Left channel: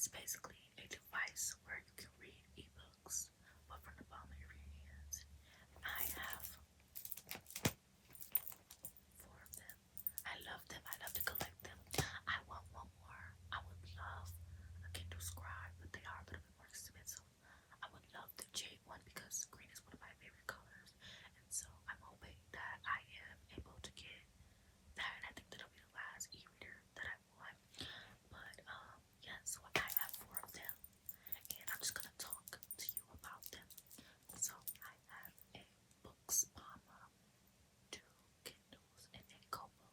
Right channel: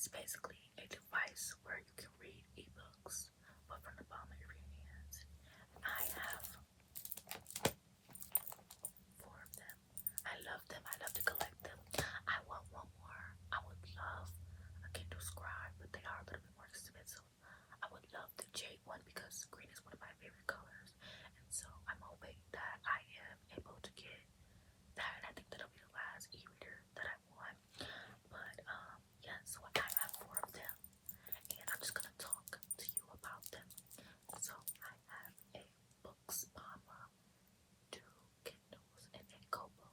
It's basically a device where you can read ebooks, but from the palm of your hands. I have 4 of them. I love them. I love to collect them. I want one more. I would love a Kindle Scribe, but they are a little bit more expensive. I would love the jade one because green is one of my favorite colors, and so I'm hoping that I am able to get that. And I think that'll be the last e-reader that I want. But yeah, so I have 4 of them, and I'm just gonna talk to you about them. So I have a Books Mama, 2 Kindles, and a Kobo.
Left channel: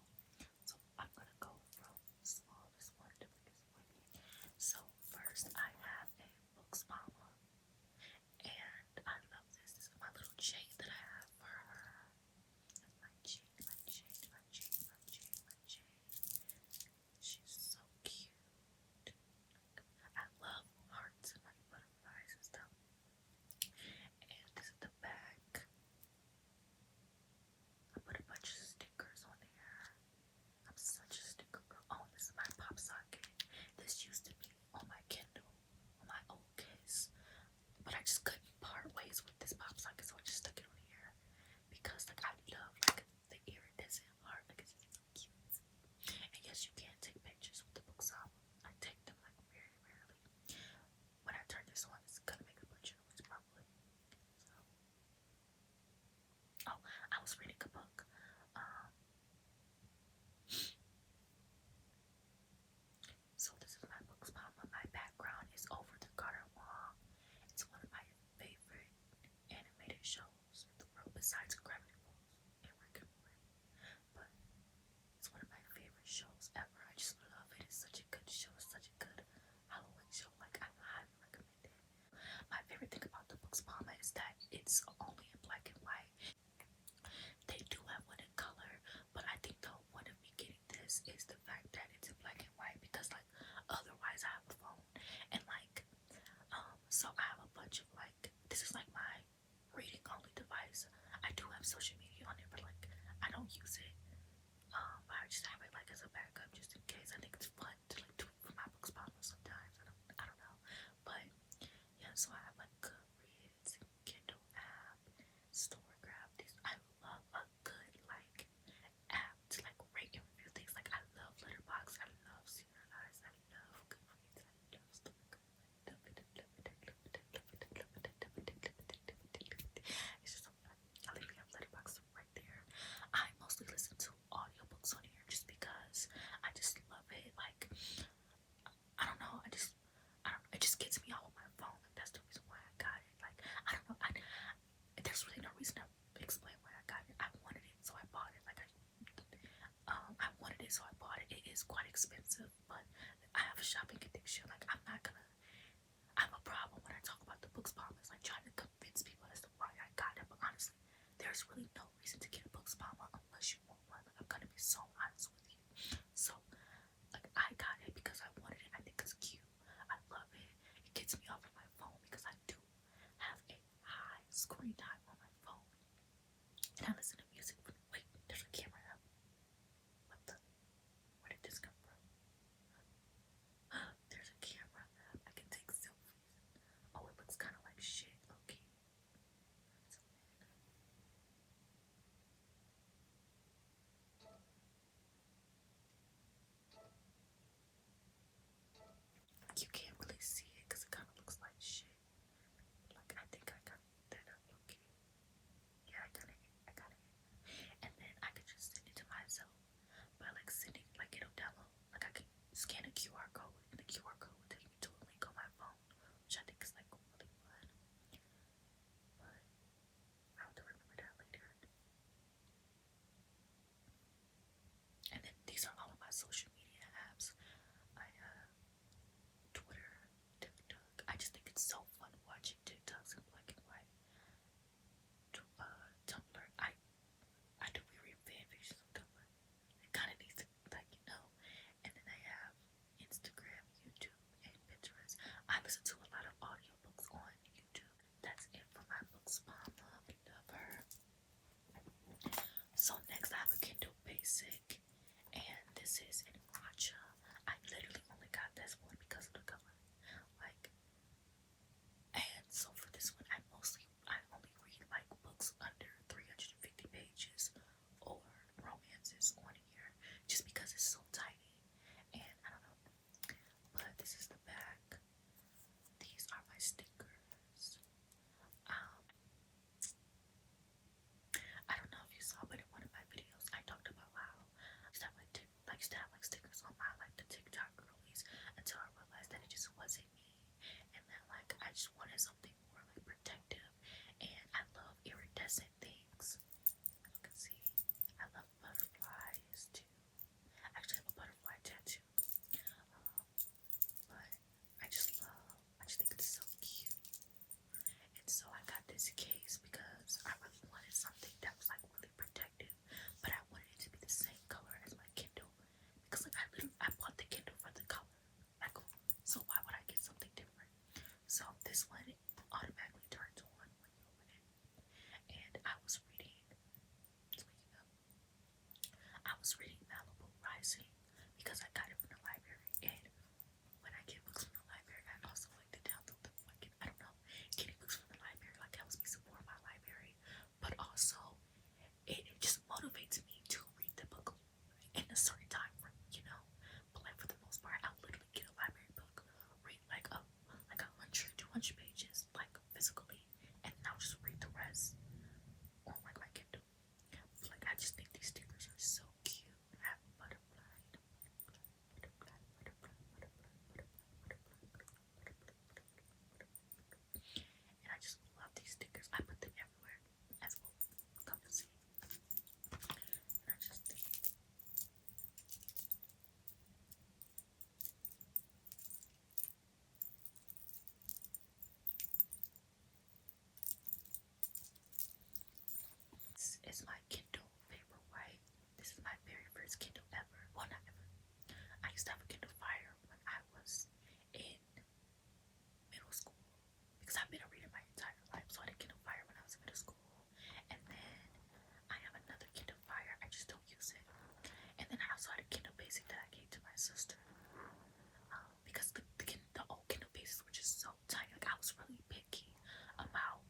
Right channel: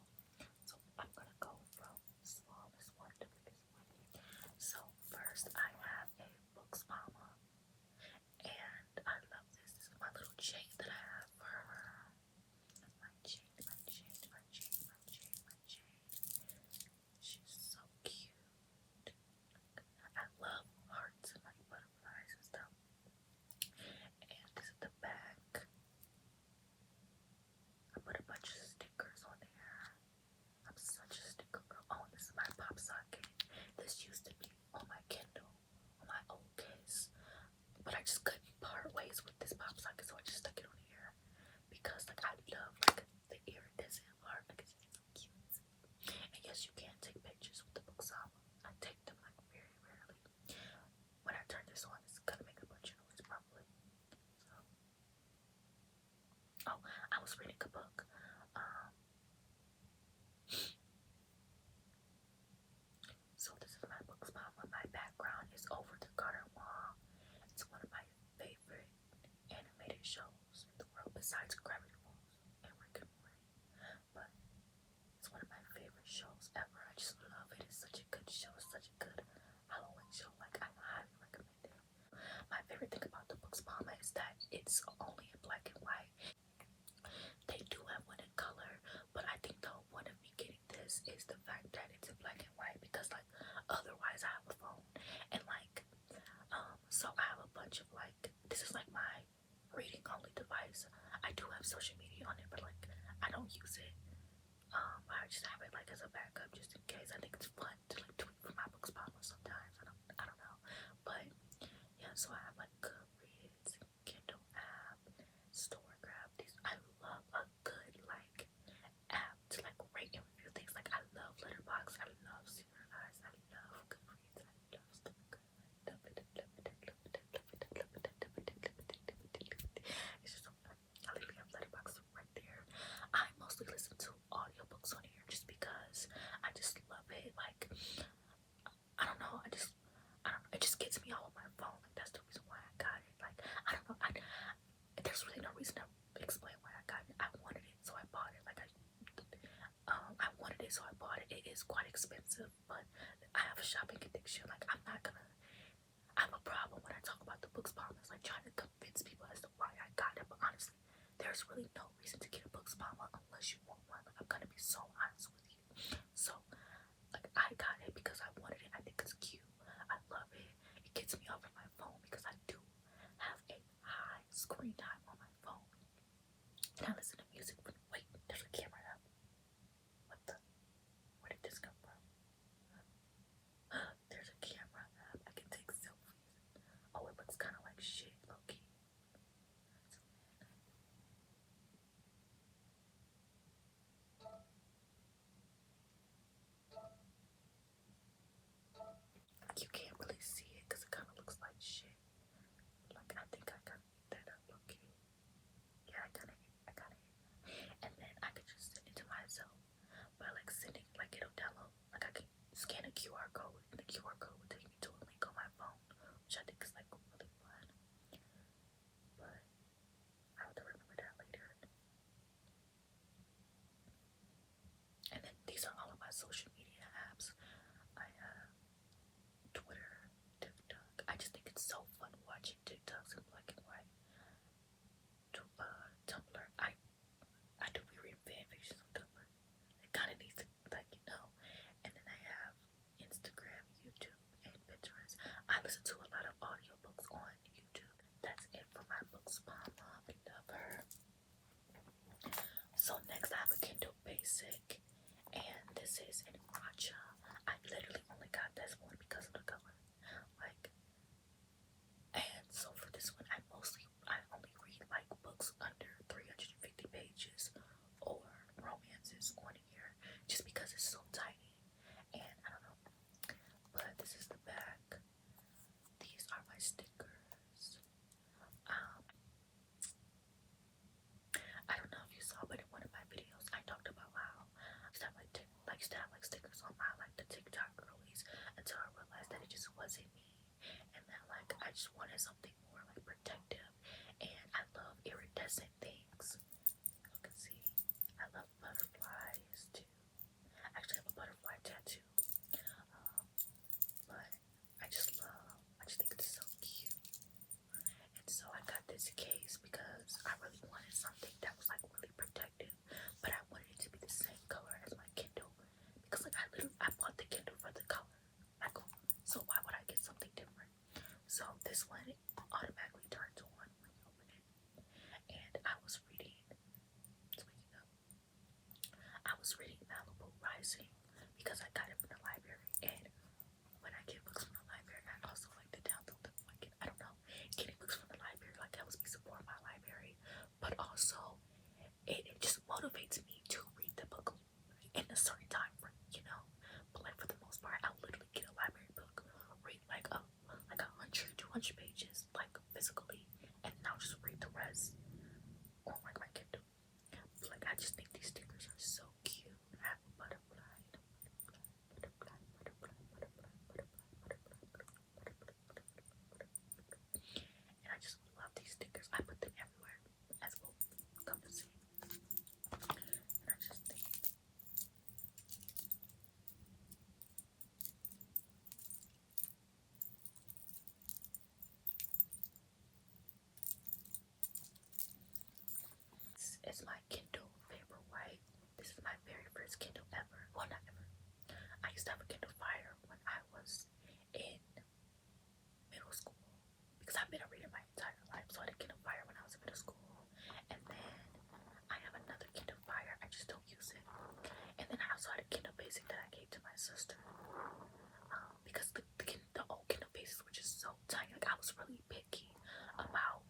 So I'm gonna go from smallest one to biggest one. So first I have a Books Mama, and I love this. This is my little chain that I have for her. My chain, my chain, my chain, my chain, my chain. She's so cute. I love hearts and like butterflies and stuff. And this is the back. I put a bunch of stickers on there. I'm such a sticker girl. Oh, this is my pop socket. This used to be on my Kindle, on my old case, but I just couldn't part ways with this pop socket, so I just stuck it on here because like I love like the iridescent heart, like it's so cute. And yes, you can take pictures with the Books Mama. I take them like very rarely. When I turn this on, it's gonna make a bunch of noise probably. So, oh, I was reading a book. So this is my Books Mama. My background is Over the Garden Wall. It's one of my favorite animated shows in the world besides Gravity Falls and Rick and Morty. But it's one of my favorite shows ever. I just love it. It's such a good show. It's such a good Halloween show. Like I highly recommend it. My favorite thing about the Books Mama is that it's only in black and white. They do have one in color, but I think the point of me getting this is the fact that it's in black and white because like otherwise I have a phone and like so I have a bunch of like this is like my reading only device. I do have social media on it, but like I don't use it. I just have it like as a backup just in case. I think it's fun to like tweet from my Books Mama sometimes. I don't know. But yeah, so I have like Goodreads, Kindle app, Storygraph. These I love a good like app to like rate and review things. Like I love Letterboxd, I love Serialized, I love Goodreads, I love Storygraph. I love it, I love it, I love it, I love it, I love it, I love it, I love it, I love it. It's just so fun. I literally have Letterboxd right there. I mostly listen to audiobooks on here just because I just love it. Like I don't know, I don't know, it just gets me all on my phone. Like that's the reason why I got it. Like I don't know, there's really no reason to explain why I got it. I wanted it, so I bought it. Like I wanted it, so I bought it. It is quite expensive, but I have a shopping addiction. Like I'm not gonna. I have a problem when I talk about the Books Mama. It's like trying to convince people as to why I got it. But honestly, there's really no reason to get a Books Mama unless you want one. Like I'm gonna be so honest with you. So like I got it because I wanted it. I think it's cute. I love it. It gets me off of my phone because I do have a high screen time on my phone. And I listen to music. Wait, there's a camera up. What the? Where did this come from? There's a camera app. I can take selfies. Oh, it looks kind of like shit, low-key. You can't really see it because it kind of looks like shit. Like I think I gotta eat that up, low-key. Yeah, I gotta eat that. And then I can just send it to myself by like sending, like it'll download. Like I can scan a QR code, and the QR code will take me to a link on my phone, which I think is like really fun. But I have to remember that later. And then these are all of my social media apps. I have Twitter, TikTok. I just think it's so fun watching TikToks in black and white. Tumblr. I do be reading fan fictions on Tumblr. It kind of needs to, like, you know. And then I have Instagram, YouTube, but in one of my videos, I talked about how I used to have like stickers on my like the TikTok girlies until I realized that it just wasn't me, and that like I just wanted something more like protective. And I love iridescent things. As you can see, I love butterflies too. Actually, I have a butterfly tattoo. But I just think it's so cute. And so I got this case because I really wanted something that was like really protective, but I wanted it to be the same color as my Kindle because like I bought the Kindle for the color. Like, so why would I get something different? So this one automatically turns on when you open it. And I was reading, speaking of, I was reading Malibu Rising because I got it from the library. And when I get books from the library, I also like to download them. Like, I don't know, getting books from the library like helps me support my library, but also it just motivates me to read the book in a certain time frame, you know. But like for the most part, I'll literally get a library book, read like 100, 200 pages, like physically, and then I'll just read the rest on like my Kindle. But like I just think these stickers are so cute. I have a butterfly, and I just love these stickers. I put them everywhere, as well come to see. And I just think this is my Kindle Paperwhite. This is my very first Kindle ever. Well, not ever. I used to have a Kindle Fire when I was in middle school because I've been a reader my entire life. So I had a Kindle Fire when I was in middle school, and then I have another Kindle Fire. I just don't use it. And then I also had a Kindle Basic that I gave to my sister because the old Kindle Basics were just so tiny. Like I was really picky about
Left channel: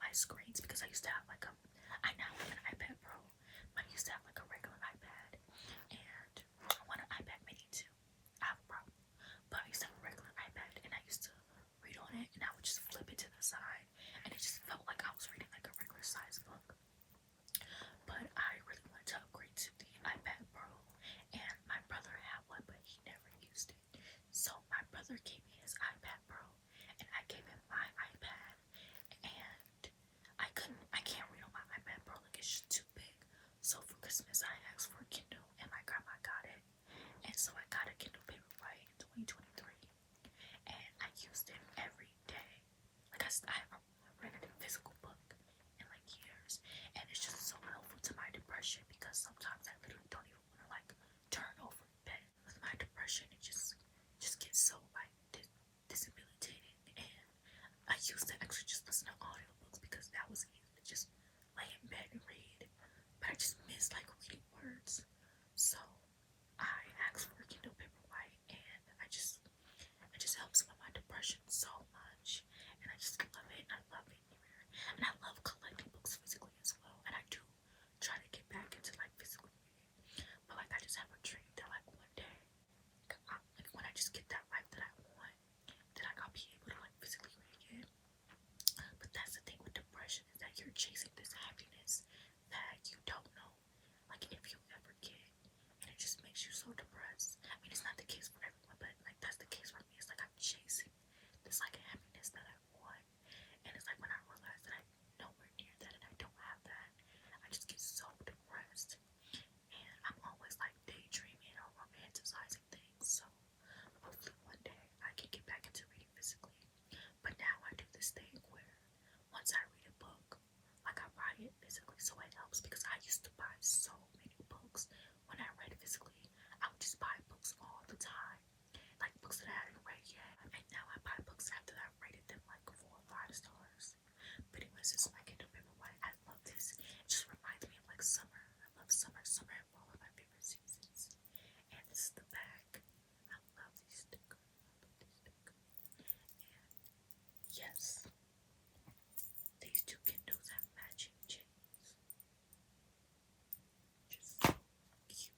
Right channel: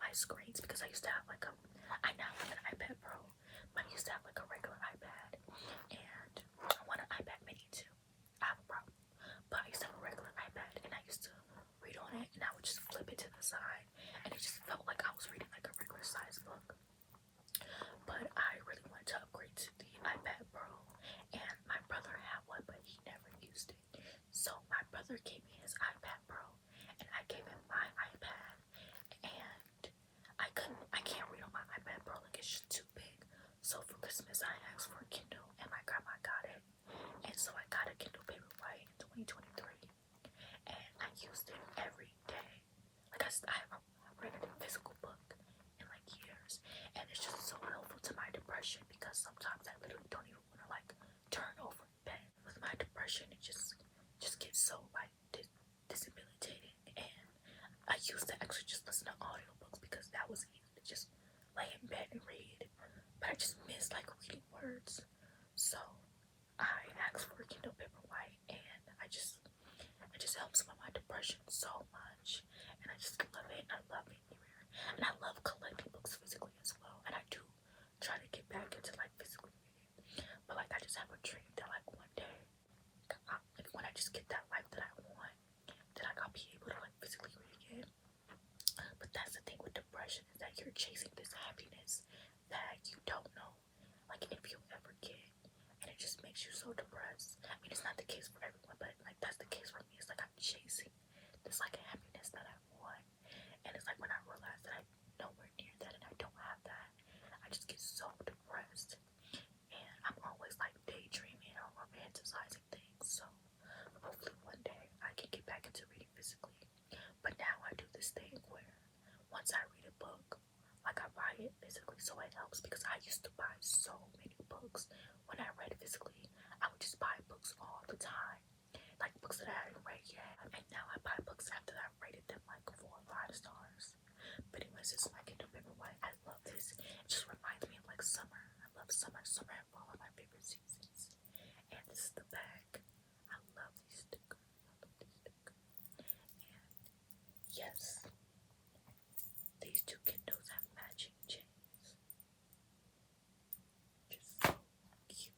my screens because I used to have like I now have an iPad Pro, but I used to have like a regular iPad, and I want an iPad Mini too. I have a problem, but I used to have a regular iPad, and I used to read on it, and I would just flip it to the side, and it just felt like I was reading like a regular size book. But I really wanted to upgrade to the iPad Pro, and my brother had one, but he never used it. So my brother gave me his iPad Pro, and I gave him my iPad, and I can't read on my iPad Pro, like it's just too big. So for Christmas, I asked for a Kindle, and my grandma got it, and so I got a Kindle Paperwhite in 2023, and I used it every day. Like I haven't read a physical book in like years, and it's just so helpful to my depression because sometimes I literally don't even want to like turn over in bed with my depression. It just gets so like disabilitating, and I used to actually just listen to audiobooks because that was easy to just lay in bed and read, but I just miss like reading words. So I asked for a Kindle Paperwhite, and it just helps with my depression so much, and I just love it. I love being here, and I love collecting books physically as well, and I do try to get back into like physically reading, but like I just have a dream that like one day, like when I just get that life that I want, then like I'll be able to like physically read again. But that's the thing with depression, is that you're chasing this happiness that you don't know like if you'll ever get, and it just makes you so depressed. I mean, it's not the case for everyone, but like that's the case for me. It's like I'm chasing this like happiness that I want, and it's like when I realize that I'm nowhere near that and I don't have that, I just get so depressed, and I'm always like daydreaming or romanticizing things. So hopefully one day I can get back into reading physically. But now I do this thing where once I read a book, like I buy it physically, so it helps because I used to buy so many books when I read physically. I would just buy books all the time, like books that I hadn't read yet, and now I buy books after I've rated them like 4 or 5 stars. But anyways, this is my Kindle Paperwhite. I love this. It just reminds me of like summer. I love summer. Summer and fall are my favorite seasons. And this is the back. I love these stickers. And yes, these two Kindles have matching chains. Just so cute.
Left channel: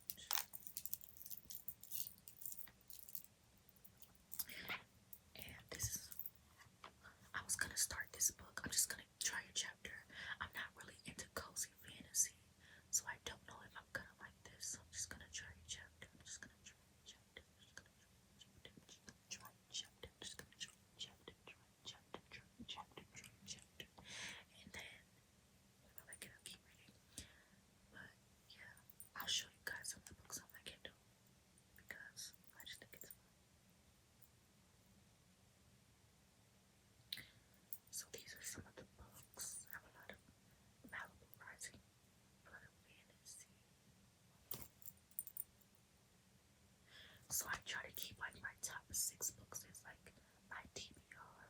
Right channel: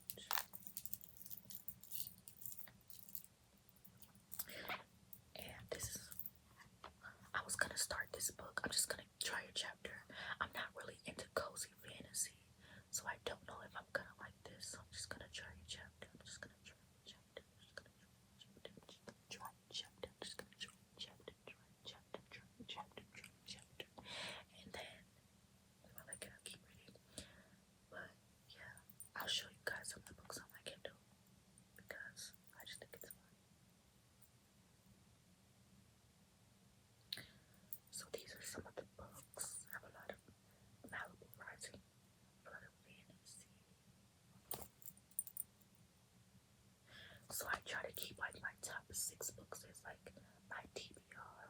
And this is, I was gonna start this book. I'm just gonna try a chapter, next book says like my TBR,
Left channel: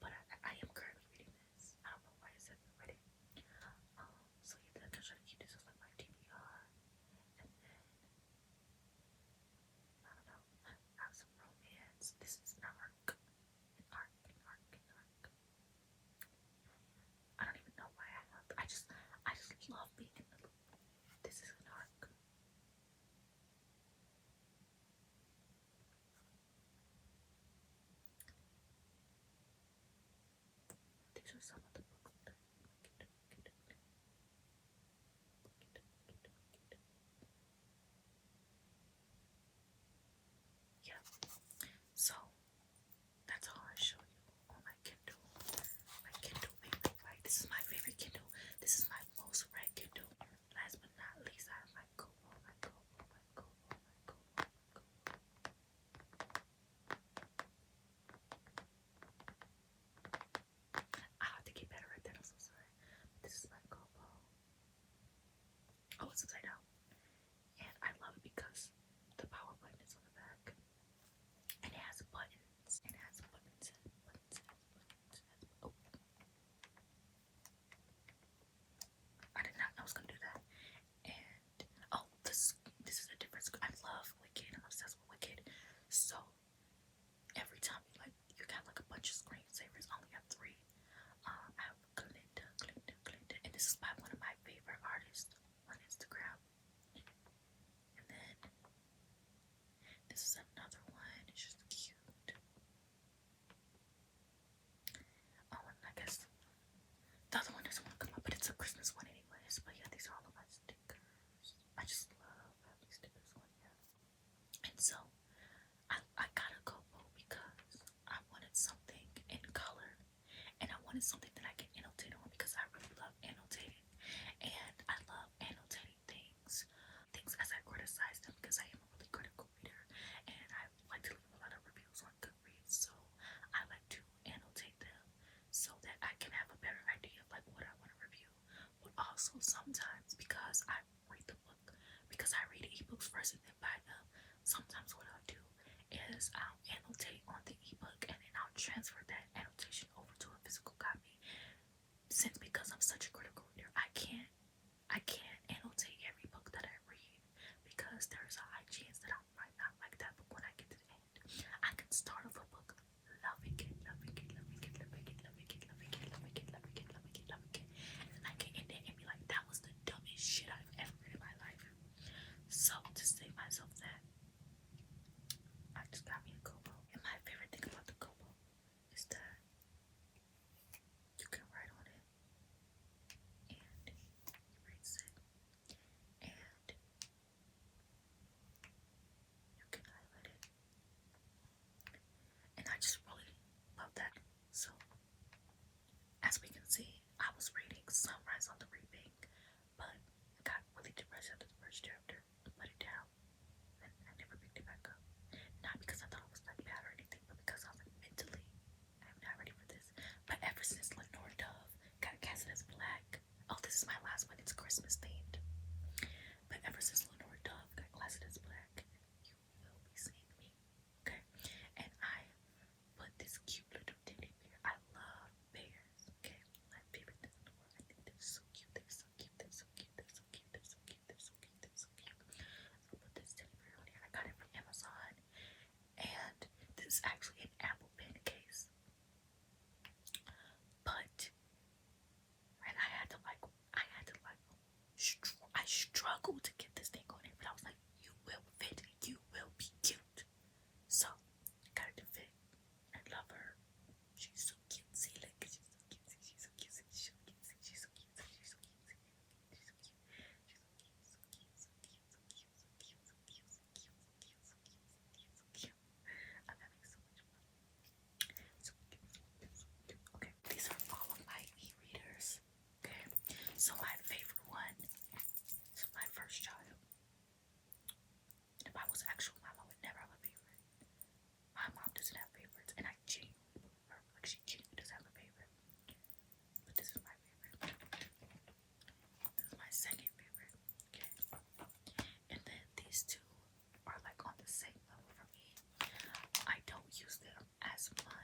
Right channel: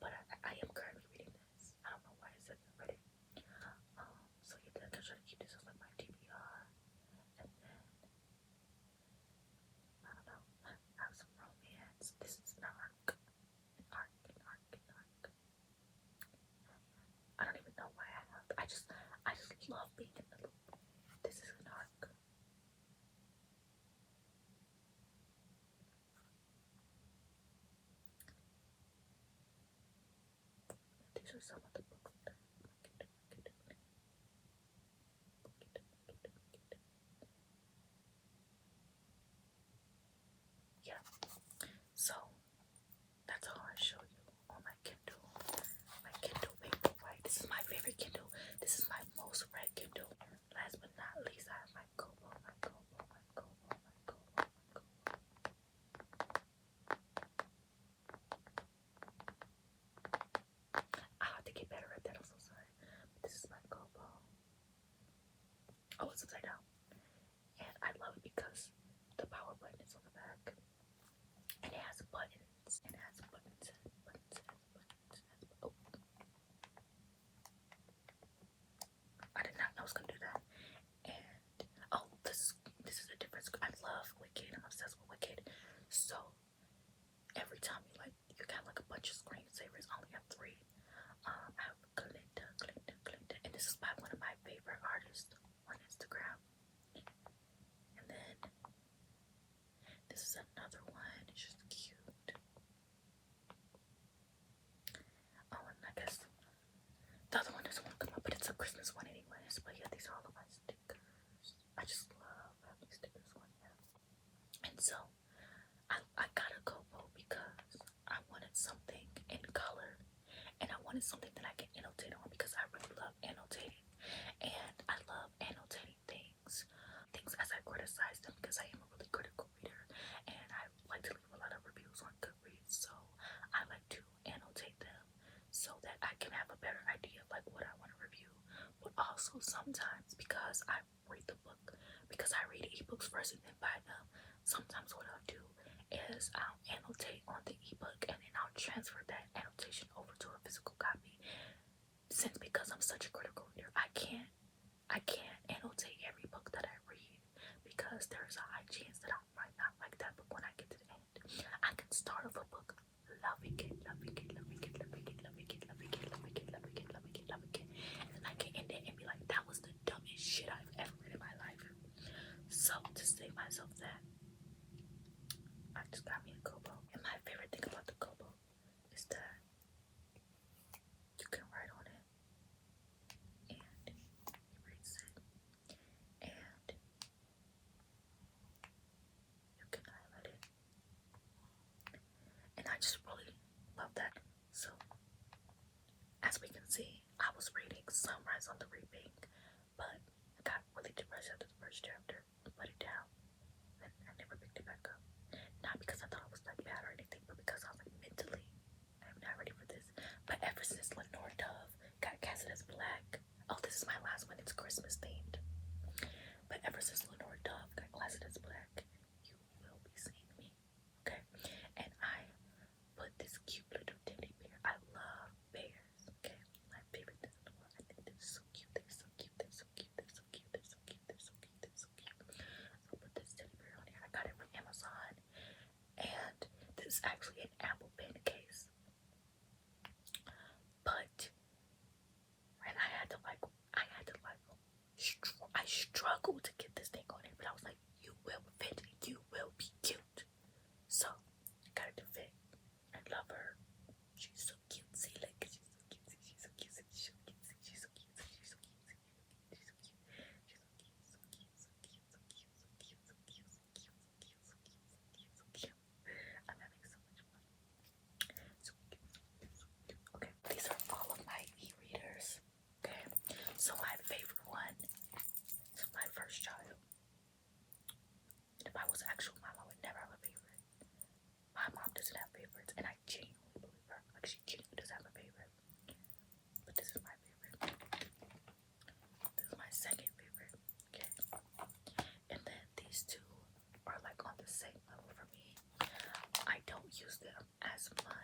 but I am currently reading this. I don't know why it said I read it. So yeah, I'm trying to keep this as like my TBR, and then I don't know. I have some romance. This is an arc, an arc, an arc, an arc. I don't even know why I have. I just love being in the loop. This is an arc. These are some of the books that yeah. So that's all I show you on my Kindle. My Kindle Paperwhite. This is my favorite Kindle. This is my most read Kindle. Last but not least, I have my Kobo, my Kobo, my Kobo, my Kobo, my Kobo. I have to get better at that. I'm so sorry. This is my Kobo. Oh, it's upside down. And I love it because the power button is on the back. And it has buttons. And it has buttons and buttons and buttons. Oh. I did not know I was gonna do that. And oh, this is a different. I love Wicked. I'm obsessed with Wicked. So every time you got like a bunch of screensavers. I only have 3. I have Glinda, and this is by one of my favorite artists on Instagram. And then this is another one. It's just cute. Oh, and I guess the other one doesn't want to come up, but it's a Christmas one anyways. But yeah, these are all of my stickers. I just love having stickers on here. And so I got a Kobo because I wanted something in color, and I wanted something that I can annotate on because I really love annotating, and I love annotating things as I criticize them because I am a really critical reader, and I like to leave a lot of reviews on Goodreads, so I like to annotate them so that I can have a better idea of like what I want to review. But also sometimes because I read the book, because I read ebooks first and then buy them, sometimes what I'll do is I'll annotate on the ebook and then I'll transfer that annotation over to a physical copy. Since because I'm such a critical reader, I can't annotate every book that I read because there's a high chance that I might not like that book when I get to the end. I can start off a book loving it, loving it, loving it, loving it, loving it, loving it, loving it, loving it, loving it, loving it, and then I can end it and be like, that was the dumbest shit I've ever read in my life. So to save myself that, I just got me a Kobo. And my favorite thing about the Kobo is that you can write on it and erase it, and you can highlight it. And I just really love that. So as we can see, I was reading Sunrise on the Reaping, but I got really depressed after the first chapter and put it down, and I never picked it back up. Not because I thought it was like bad or anything, but because I was like mentally, I'm not ready for this. But ever since Lenore Dove got casted as Black, oh, this is my last one, it's Christmas themed. But ever since Lenore Dove got casted as Black, you will be seeing me, okay? And I put this cute little teddy bear. I love bears, okay? My favorite thing in the world. I think they're so cute. They're so cute. They're so cute. They're so cute. They're so cute. They're so cute. They're so cute. So put this teddy bear on here. I got it from Amazon, and this is actually an Apple Pen case. But and I struggled to get this thing on it, but I was like, you will fit. You will be cute. So got it to fit. I love her. She's so cutesy. Like she's so cutesy. She's so cutesy. She's so cutesy. She's so cutesy. She's so cutesy. She's so cute. I'm having so much fun. this month.